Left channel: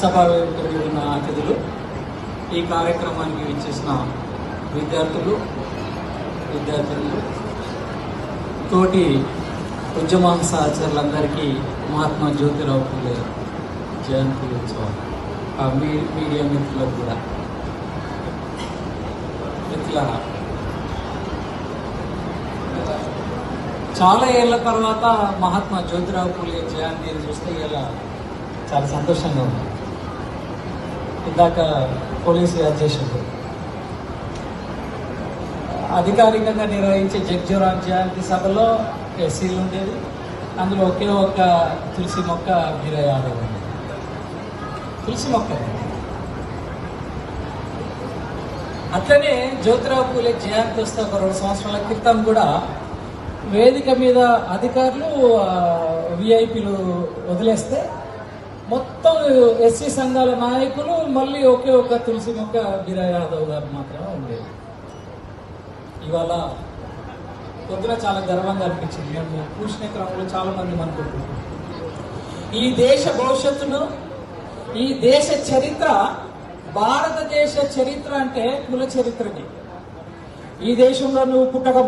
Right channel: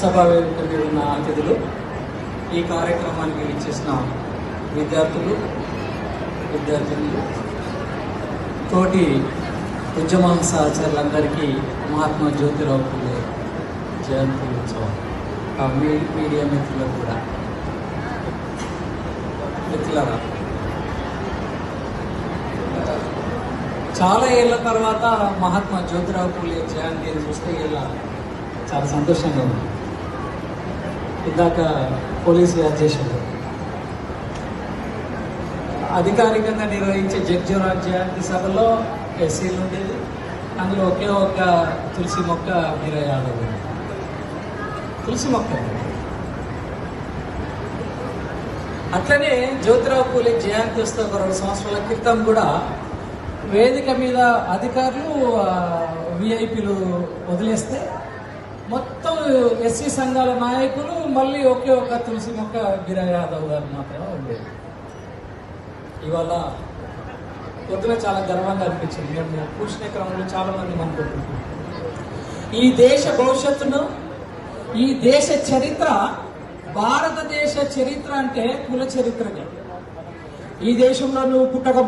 సభావేదికకి ఉన్న అతిథులు ఈ కార్యక్రమానికి ఇచ్చేసిన విద్యార్థులు విద్యార్థులు తోటి ఉద్యమ సహచరులందరికీ మహాత్మా జ్యోతిరావు పుల్లే జయంతి ఉత్సవం. మీడియా మిత్రులకు కూడా. మిత్రులరా చాలా ఏళ్ళ తర్వాత మహాత్మా జ్యోతిరావు పూలే జయంతి చూస్తే ఇలా చాలా సంతోషంగా ఉంది. ఇందాక పోలీసు అధ్యక్షుడు అధికారికంగా నిర్వహించే జగ్జీవరావు జయంతి సభలో ఎస్సీలు ఉండేది. అందులో ఒకే ఒక తులసి మొక్క ఇరవై ఆరు తులసి మొక్క. అట్లనే జ్యోతిరావు పూలే జయంతి వస్తే ఒక రెండు సంవత్సరాల క్రితం కూడా వేదిక మీద అధికారులు విఐపీలు వదిలేస్తే మొత్తం ఎస్సీ సంఘాల నాయకులు మళ్ళీ ఒకే ఒక తులసి మొక్క గిరా యాదవ్ గారు మాత్రమే ఉండేది. ఇవాళ పొద్దున చాలా గర్వంగా అనిపించింది. మేము కూర్చునే క్రమంలో చాలా మంది అనుకుంటున్నాం ఈ దేశ భవిష్యత్తును ఈ దేశ చరిత్ర భారతదేశ చరిత్ర అంటే కుల చరిత్రనే. ఈ దేశంలో నువ్వు పుట్టక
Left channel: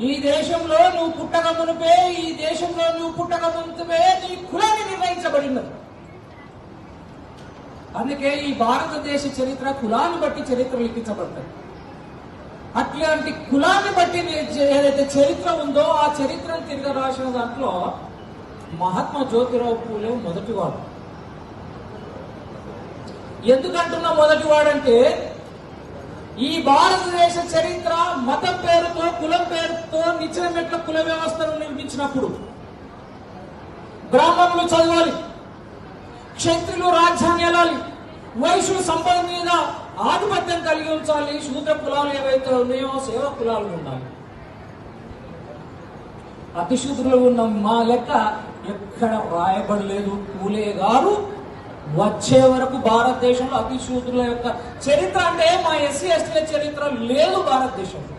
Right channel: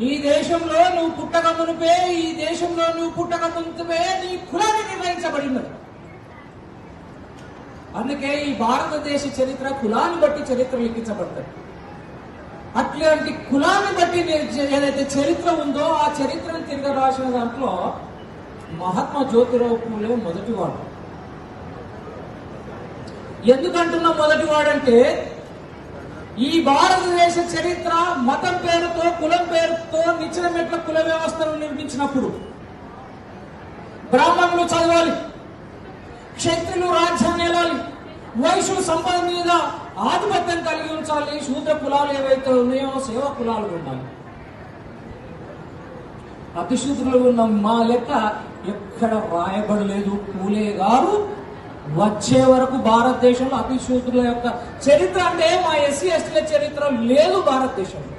ఈ దేశంలో నువ్వు పుట్టక మునిపే ఈ దేశంలో నువ్వు పుట్టక మునిపే నీ కులాన్ని నిర్ణయించబడినది అందుకే ఈ భారతదేశ చరిత్ర కులాన్ని బట్టి చరిత్ర లిఖించబడుతుంది. అట్లాంటి కులాన్ని బట్టి ఏదైతే చరిత్ర ఉందో ఆ చరిత్రను తిరిగి రాసిన దాంట్లో మహాత్మా జ్యోతిరావు పూలే మొదటివాడు. ఎందుకంటున్నా మొదటివాడంటే ఈ భారతదేశ చరిత్ర మతం పేరుతో కులం పేరుతో నిచ్చిన మెట్ల కుల వ్యవస్థను నిర్మించినప్పుడు బ్రాహ్మణులు చదవాలి క్షత్రులు రాజ్యాన్ని వెళ్ళాలి వైశ్యులు సంపద మీద ఆధిపత్యం కలిగి ఉంచాలి శూద్ర కులాలు ఏవైతే ఉన్నాయో సేవ కులాలు ఉండాలి. అతిశూద్రులు ఉన్న మా లెక్క ఎక్కడ రాయబడలేదు. పూలే గారు వచ్చే వరకు భారతదేశంలో అతిశూద్రుల యొక్క చరిత్ర అంటే మా ఎస్సీ ఎస్టీల చరిత్ర లేదు భారతదేశంలో.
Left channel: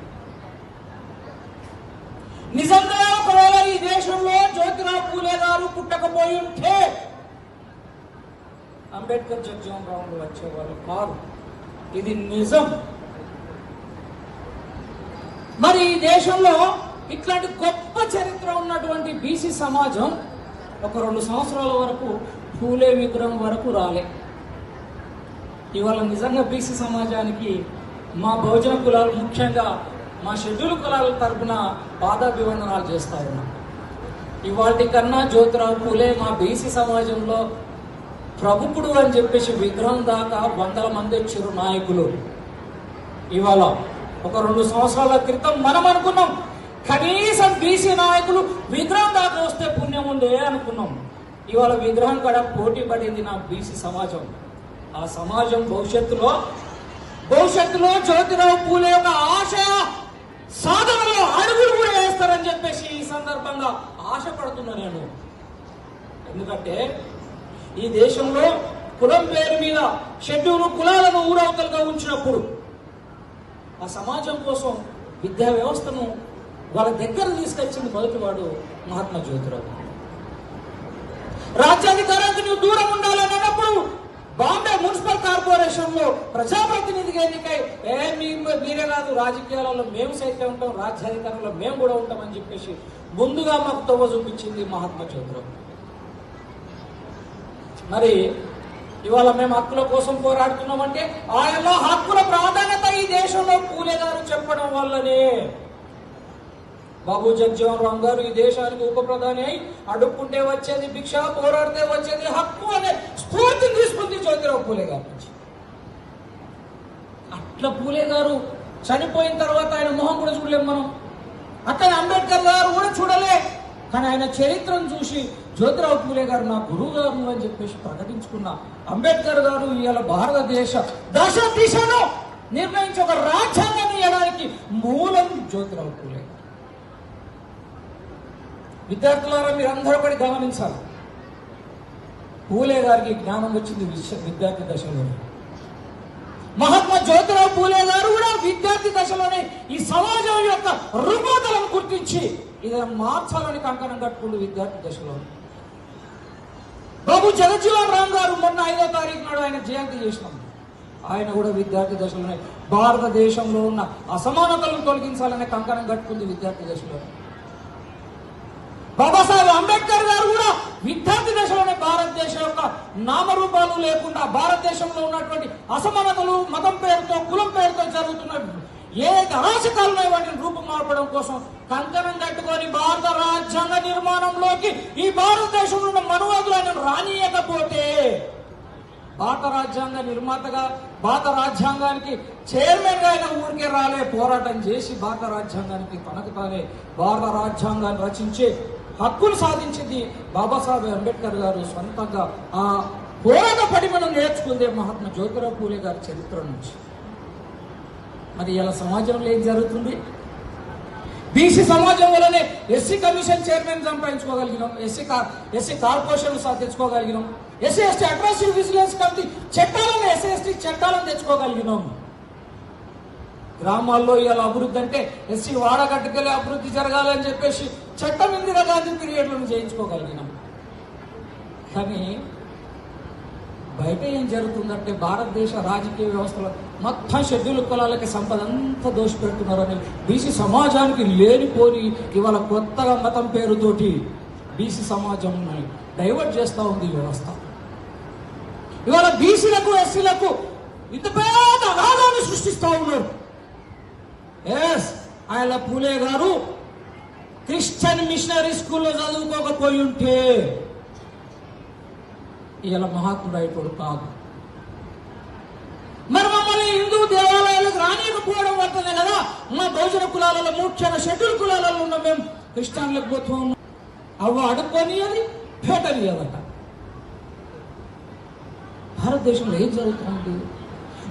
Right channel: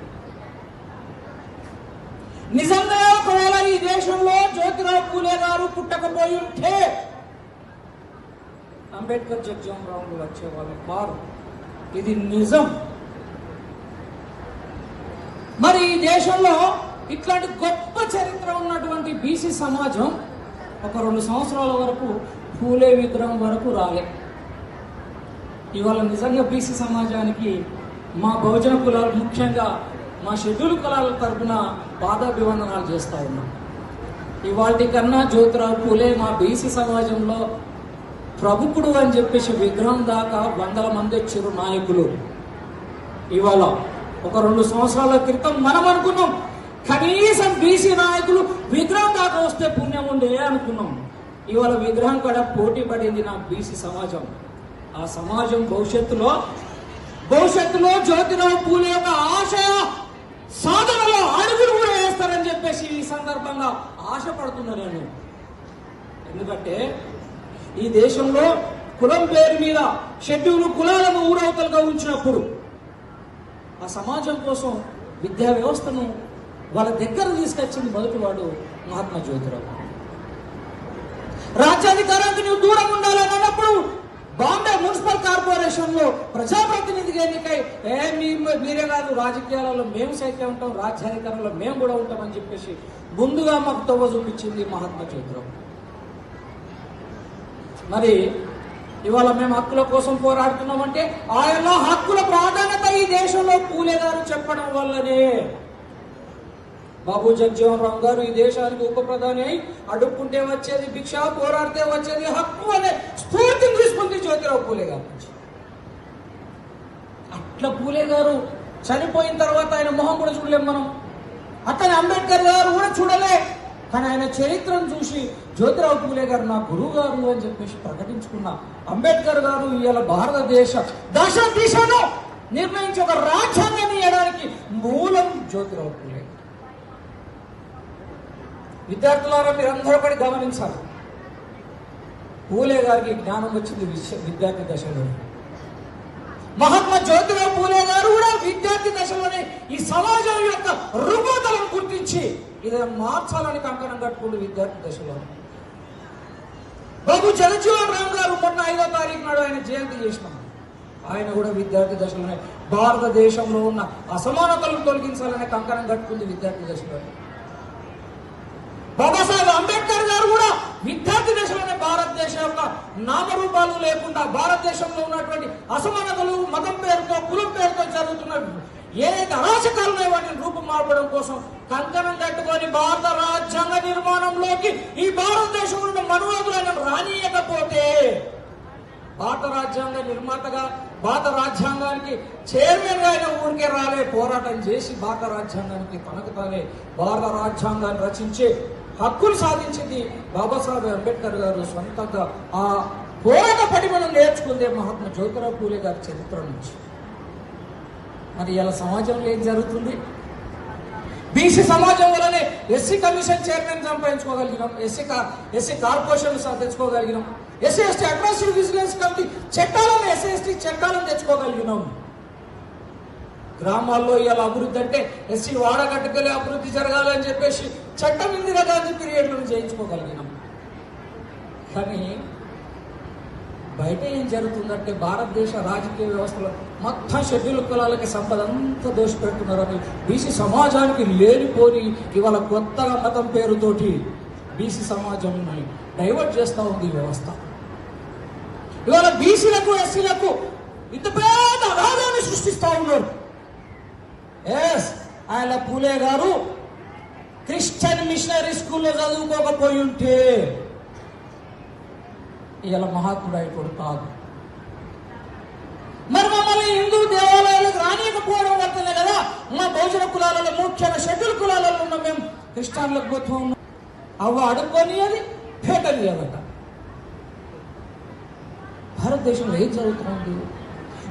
నిజంగా ఒకవేళ ఈ దేశంలో జ్యోతిరావు పూలే గారు పుట్టకపోయి ఉంటే అంబేద్కర్ జగ్జీవన్ వచ్చే వాళ్ళు కాదు. ఇది నిజం. మరి ఈ దేశంలో ఇట్లాంటి గొప్ప చరిత్ర ఉన్నటువంటి బీసీ సమాజం ఒక రెండు సంవత్సరాల వరకు పూలే విగ్రహం వరకు రాలే. ఇవాళ నిజంగా బీసీ సమాజానికి మా బహుజన కులాలు ముఖ్యంగా మా షెడ్యూల్ కులాల తరపున పాదాభివందనాలు చేస్తా ఉన్నాం. ఇవాటి కన్నా జ్యోతిరావు పూలే మా బీసీ సమాజంలో ప్రముఖుడు అని చెప్పేసి విగ్రహం దాకా వందల మంది చిరు నాయకులు. ఇవాళ ఒక రెండు సంవత్సరాల క్రితం మనం అనుకున్నాం కనీసం బీసీ నాయకులు విగ్రహం దాకా వస్తే పుణ్యం ఉండే అనుకున్నాం. ఇవాళ విగ్రహం కూడా పోటీ పడింది నా బీసీ సమాజం. ఆ సమాజం భవిష్యత్తులో భవిష్యత్తులో జ్యోతిరావు పూలే యొక్క ఆశయ సాధనలో అడుగులు కూడా వేస్తారని చెప్పేసి ఈ సందర్భంగా ఆశపడుతున్నా నేను. ఎందుకంటే ఈ దేశంలో కులం పేరు మీద షెడ్యూల్ కులాలను ఊరవతలుగా ఉంచినప్పుడు ఆ సమాజం కోసం విద్యా వ్యవస్థను వాళ్ళ దగ్గర తీసుకొచ్చింది మొదటివాడు మహాత్మా జ్యోతిరావు. రాజ్యాధికారానికి నువ్వు దూరం ఉండాలని అన్నప్పుడు బాంబే మున్సిపల్ కార్పొరేషన్లో ప్రజాప్రతినిధిగా ఎన్నికై ఏ మీరే కాదు రాజకీయాలలో మేము సైతం ఉంటాం రాజ్యాధికారంలో మేము కూడా ఉంటామని చెప్పేసి ముందుగా మాకు తొవ్వ చూపించింది మహాత్మా చంద్రం. మరి ఇవాళ మేము హక్కుల కోసం పోరాడుతున్నామంటే ఆయనలో హక్కుల ప్రాధాన్యత ఈ దేశంలో పూలేదారు చెప్పడం వల్లనే. బాబు జగ్జీవన్ గారు ఈ దేశానికి ఉప ప్రధాని అయి అడుక్కుంటే వచ్చేది భిక్ష పోరాడితే వచ్చేది హక్కు అనే స్ఫూర్తిని తీసుకుంది జ్యోతిరావు పూలే గారు. నుంచి అట్లా పూలే గారు చనిపోయిన తర్వాత ఆయన మొహం కూడా చూడలేం మనం. అట్లనే అంబేద్కర్ గారు కూడా చూడలే. కానీ ఆయన చరిత్రను చూసి జ్యోతిరావు పూలే గారు నా గురువు గారు అని చెప్పేసి ప్రకటించుకున్న అంబేద్కర్ గారు ఇవాళ భారతదేశ దశ దిశను నిర్ణయించి ఒక రాజ్యాంగాన్ని ఇవ్వడానికి మూలం జ్యోతిరావు పూలే గారు. విద్యార్థులారా మీరు అందరూ ఒకటి గమనించాలి. పూలే గారికి జ్ఞానం వచ్చింది విశ్వ విద్యార్థి దశలో మహాత్మా జ్యోతిరావు పూలే గారు కూడా విద్యార్థి దశలోనే ఈ సమాజం యొక్క రుగ్మతలను గుర్తించి ఇది మార్చాలని కంకణం కట్టుకుంటూ విద్యార్థి దశలో బాబు జగజ్జీవన్ రామ్ గారు మొన్న ఐదో తారీఖు నాడు ఆయన జయంతి చేసినాం. ఆయన కూడా విద్యార్థి దశలోనే. భారతదేశంలో ఉన్న అసమానతలను తొలగించాలనే కంకణం కట్టుకుంది విద్యార్థి దశలో బాబాసాహెబ్ అంబేద్కర్ గారు కూడా విద్యార్థి దశలోనే భారతదేశం యొక్క నామరూపాలు లేకుండా భారతదేశంలో ఉన్నటువంటి అసమానతలు మతం పేరుతో కులం పేరుతో జరుగుతున్న ఏ అరాచకాలున్నాయి వాటిని రూపుమార్పడం కోసం కంకణం కట్టుకొని భారత రాజ్యాంగ నిర్మాణంలోకి ఈ భారతదేశంలో ఉన్న మనువాదులను రానియకపోతే భారత రాజ్యాంగ నిర్మాతగా భారత రాజ్యాంగానికి చైర్మన్గా అయిన ఊరికే రాలే పోరాటం చేసి భారత రాజ్యాంగానికి తనకు తానే భారత రాజ్యాంగాన్ని రచించి హక్కులు సాధించింది బాబాసాహెబ్ అంబేద్కర్ గారు సొంతంగా. ఆ పోరాట పడిమను నేర్చుకుందే మహాత్మా జ్యోతిరావు పూలే గారి చరిత్ర నుంచి. మరి ఇలా సమాజంలో ఏం జరుగుతుంది? బీసీ సమాజం వల్లనే ఎస్సీ కమిషన్ చైర్మన్ సంపాదించుకోగలిగినాం SC SC corporation తెచ్చుకోగలిగినాం SC ST administrative vigilance committee చట్టాలను ఎస్సీ ఎస్టీ చట్టాలను తెచ్చుకోగలిగినాం. గ్రామాల్లో ఇవాళ అభివృద్ధి అంటే ఎస్సీ వాడగట్టుకెళ్ళి అభివృద్ధి జరగాలని చెప్పేసి చట్టం ఇందిరా గాంధీ పీరియడ్లో చేయించుకోగలిగినాం. కానీ బయట ఏం జరుగుతుందంటే భారతదేశ రాజకీయ వ్యవస్థలో మొత్తం షెడ్యూల్ కులాలకి సంపద అంతా దోషపెడుతున్నారని బీసీ సమాజానికి లేనిపోని ఇవాళ కొత్తగా మతం పేరుతోటి బీసీ సమాజం డైవర్ట్ చేస్తూ ఉంది ఈ వ్యవస్థ. ఇవాళ బీసీలకు ఎస్సీలకు ఇంత పెద్ద అగాధాన్ని సృష్టిస్తూ ఉన్నారు. ఎస్ ఆయన పూలే గారు క్రిస్టియన్ మిషనరీ స్కూల్లో చదువుకోకపోయి ఉంటే ఇలా మహాత్ముడు అయిపోడు కాదు. మరి మమ్మల్ని హిందూ దేవాలయాలకు రానియకపోవడం వల్లనే కదా మా బహుజన కులాలలో ముఖ్యంగా షెడ్యూల్ కులాలలో ఉన్న మేము క్రిస్టియన్లకు పోతూ ఉన్నాం అవ్వ అడుక్కొని అది పేటని భారతదేశంలో ఏం జరుగుతుంది?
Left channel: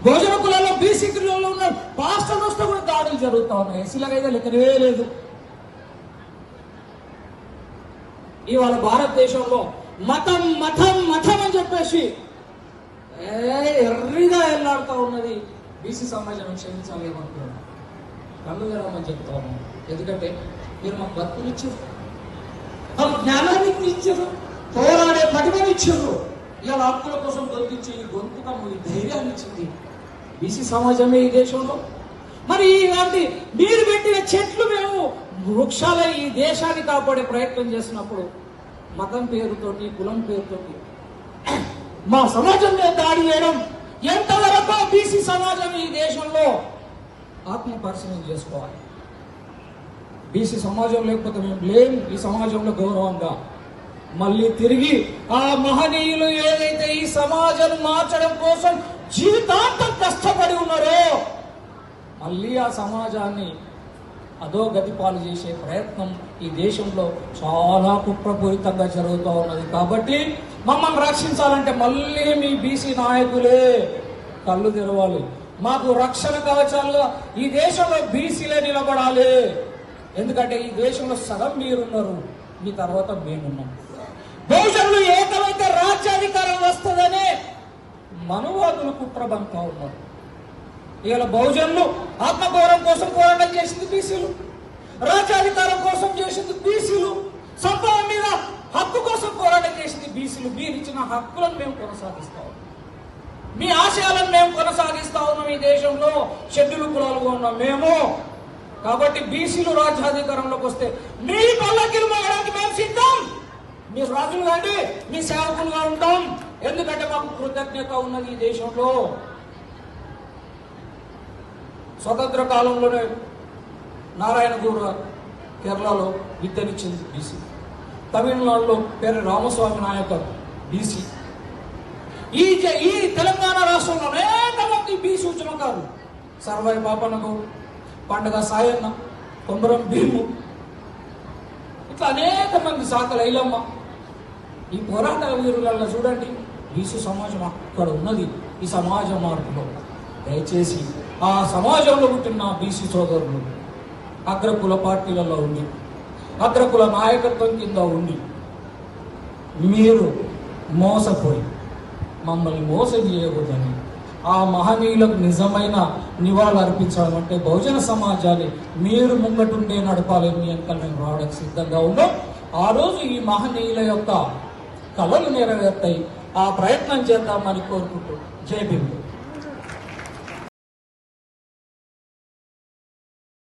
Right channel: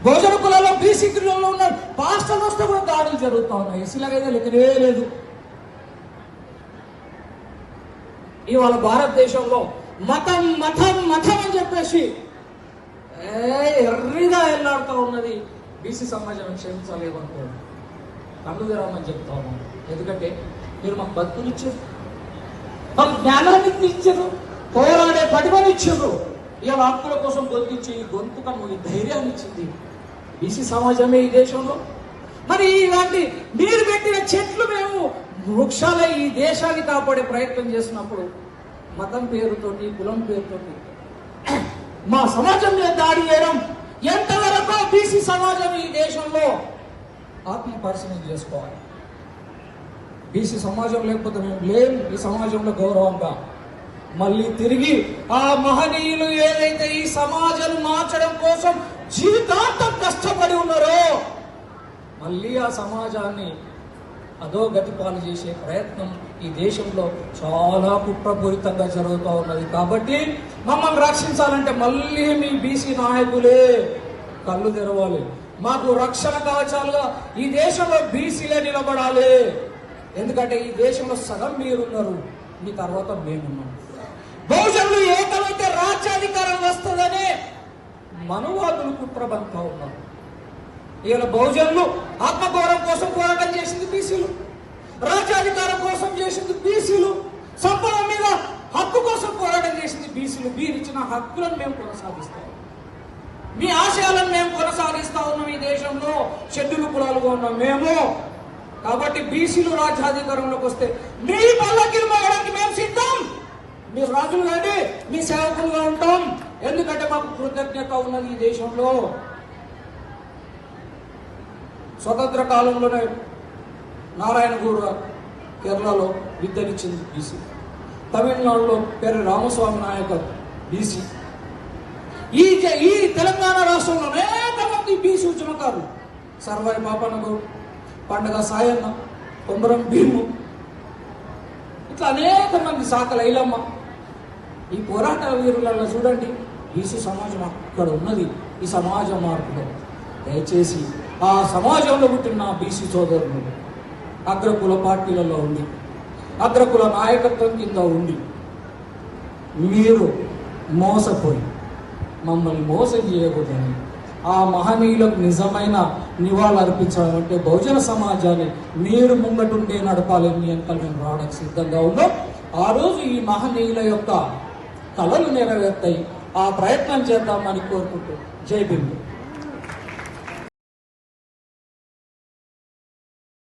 గోజన కులాల్లో బీసీ కులాల్లో ఉన్న పాస్టర్లు వస్తే కూడా దాడులు జరుగుతూ ఉన్నాయి. ఎస్సీలకైతే లెక్కనే లేదు. ఇవాళ భారతదేశంలో మతం మతం మతం అని చెప్పేసి ఎర్రిగా ఎల్లాడుతూ ఉన్నది బీసీ సమాజం క్షమించలేమనుకోండి. కళ్ళు తెరవమని చెప్తా ఉన్నాను. ఎందుకంటే మీరు మాకు బతుకులు ఇచ్చారు. మాకు జ్ఞానాన్ని ఇచ్చారు. పోరాడే పటిమని ఇచ్చారు. ఇవాళ ఆత్మల కోసం గొంతించి ఈ గొంతుక నువ్వు ధైర్యాన్ని ఇచ్చింది. బీసీ సమాజమే ఈ దేశంలో. మరి ఇలాంటి మీరు పెట్టిన చెట్లు మేము వృక్షాలై ఈ దేశాన్ని కాపాడే ప్రయత్నం చేసినప్పుడు మతం పేరుతోటి కులం పేరుతోటి మా సమాజం మీద దాడి చేయడం ఎంతవరకు బీసీ సమాజం ఈ దేశంలో ఆత్మ పరిశీలన చేసుకోవాలి? బీసీ సమాజం లేకపోతే మేము లేము ఈ సమాజంలో గౌరవంగా. మళ్ళీ తిరిగి ఆ మహనీయులు ఏదైతే ఈ సమాజం మార్చడం కోసం జీవితాంతం కష్టపడి ఉన్నారో మళ్ళీ ఆ సమాజాన్ని అధోగతి పాలు చేసే ప్రయత్నం ఈ దేశంలో చాలా కుట్రపూరితంగా జరుగుతూ ఉన్నది. కాబట్టి మమ్మల్ని రక్షించాలంటే మళ్ళీ మీ బీసీ నాయకులే కళ్ళు తెరవాలి. మాకు రక్షణ కవచాలుగా ఈ దేశంలో బీసీలే నిలబడాలి. ఎందుకంటే ఈ దేశంలో సగం మీరున్నారు మీ తర్వాత మేమున్నాం. బహుజనులు ఏకమైతే రాజ్యాధికారం వస్తుందని మనువాదులు కుట్రబంతా ఉన్నారు. ఈయన బహుజనులు ఆత్మగౌరవం కోసం పోరాటం చేసింది బీసీలు. రాజ్యాధికారం కోసం చేసింది బీసీలు. సంభవం మీద హక్కు కోసం పోరాటం చేసింది బీసీలు. మీరు ఇచ్చిన హక్కులను మేము కొనసాగిస్తాం. మీ ఆశయాలను మేము కొనసాగిస్తా ఉన్నాం ఈ దేశంలో. షెడ్యూల్ కులాలుగా ఉన్నాం మేము. కాబట్టి బీసీలు రాజ్యాధికారంలోకి వస్తే మీ పల్లకిని మోగడానికి మేము సిద్ధం. మీ రాజులు కానీ మీ సేవకులుగా ఉంటాం. ఎందుకంటే మాకు కృతజ్ఞత ఉన్నది ఈ దేశంలో. స్వతంత్ర కాలంలోనే నారాయణ గురు గారు కేరళలో విద్యనిచ్చింది బీసీ తమిళనాడులో పేరు రామస్వామి నాయకర్ బీసీ ఈ ఈ తెలంగాణ రాష్ట్రంలో అనేక మంది బీసీ ఉద్యమకారులు సర్వై పాపన్న గౌడ్ పండగ సాయన్న కొమరం భీము. ఇట్లా అనేక మంది సాకల ఈ పోరాట వీరులలో చూడండి. బీసీ సమాజం అక్కడ ఉన్నది. ఈ సమాజ మార్పులో దయచేసి ఆ సమాజంలో పుట్టిన బీసీ సోదరులు అగ్రకుల పార్టీలలో ఉండి అగ్రకుల నాయకత్వం కింద ఉండి మీరు మోసపోయి మమ్మల్ని మోసం చేయకూడదని ఆ మహనీయులకు నిజమైన నివాళులు అర్పించడం అంటే బహుజన సమాజాన్ని మీరు ముంగటుండే నడపాలని ఎంత మేము రావడానికి సిద్ధంగా ఉన్నాం. ఆ రోజు ఈ మహనీయుల యొక్క కళలు నెరవేరుతాయి. ఆ ప్రయత్నం చేద్దామని కోరుకుంటూ. జై బిందు